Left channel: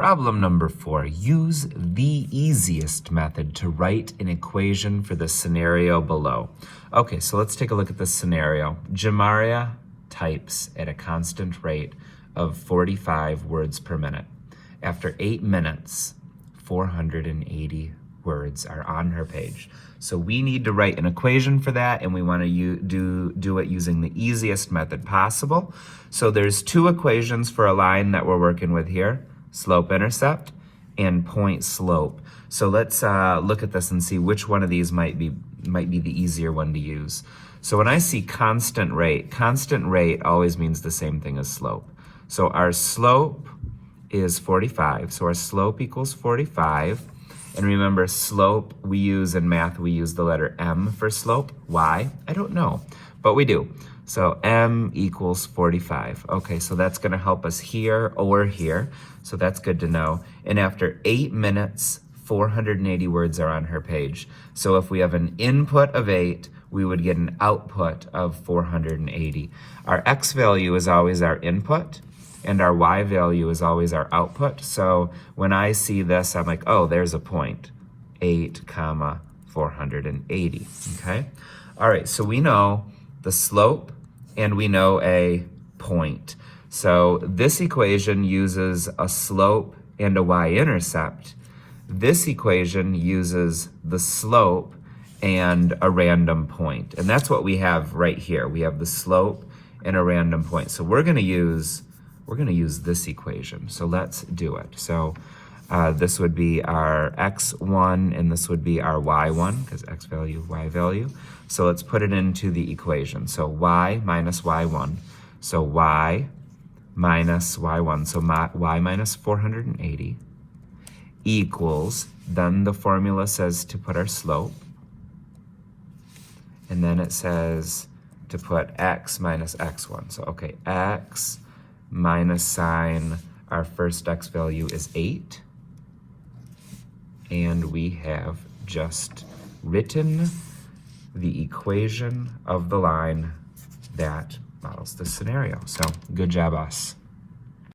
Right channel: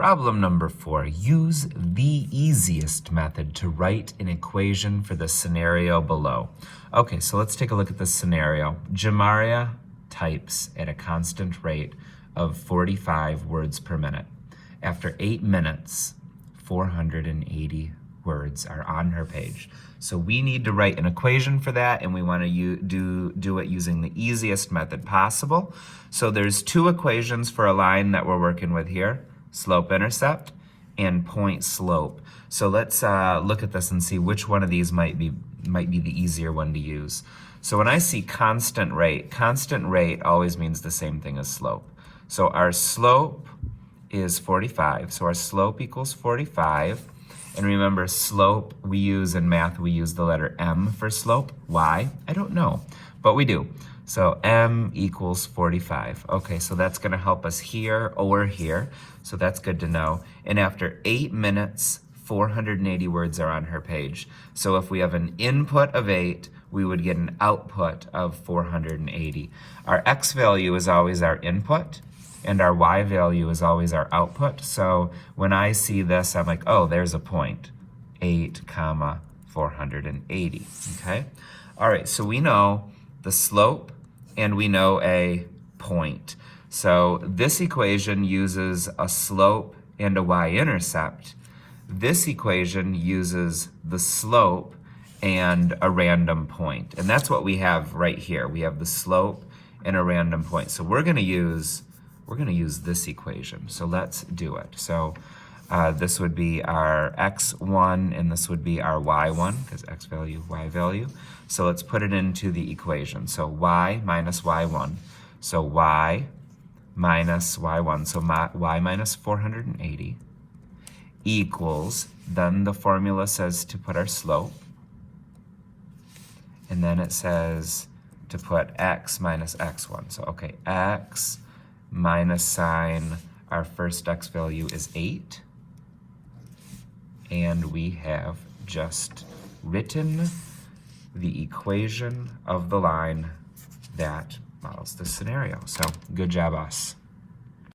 Problem number 4, use the easiest method to write an equation for the scenario below. Okay, so let's take a look at this scenario. Jamaria types at a constant rate of 45 words per minute. After 8 minutes, 480 words are on her page. So we need to write an equation for that, and we want to do it using the easiest method possible. So there's 2 equations for a line that we're working with here. Slope-intercept, and point-slope. So let's look at this and see which one of these might be the easier one to use. So when I see constant rate always means the same thing as slope. So our slope is 45, so our slope equals 45. And remember, slope, we use in math, we use the letter M for slope. Why? I don't know, but we do. So M equals 45. Okay, so that's gonna help us here or here. So that's good to know. And after 8 minutes, 480 words are on her page. So if we have an input of 8, we would get an output of 480. Our X value is always our input, and our Y value is always our output. So when I see this, I'm like, oh, there's a point, 8, 480, okay? All right, so we know the slope and we know a point. So this equation uses a slope and a y-intercept. This equation uses the slope and a random point. And that's what we have right here. We have the slope and a random point. So we're gonna use this equation. So let's do it. So this would be our x1 and this would be our y1, because x value, y value. So let's put it into the equation. So y minus y1. So y minus y1, so y minus 480 equals, then the formula says to put our slope, and then it says to put x minus x1. So okay, x minus sign, our first x value is 8, and we have just written the equation of the line that models this scenario. So good job, us.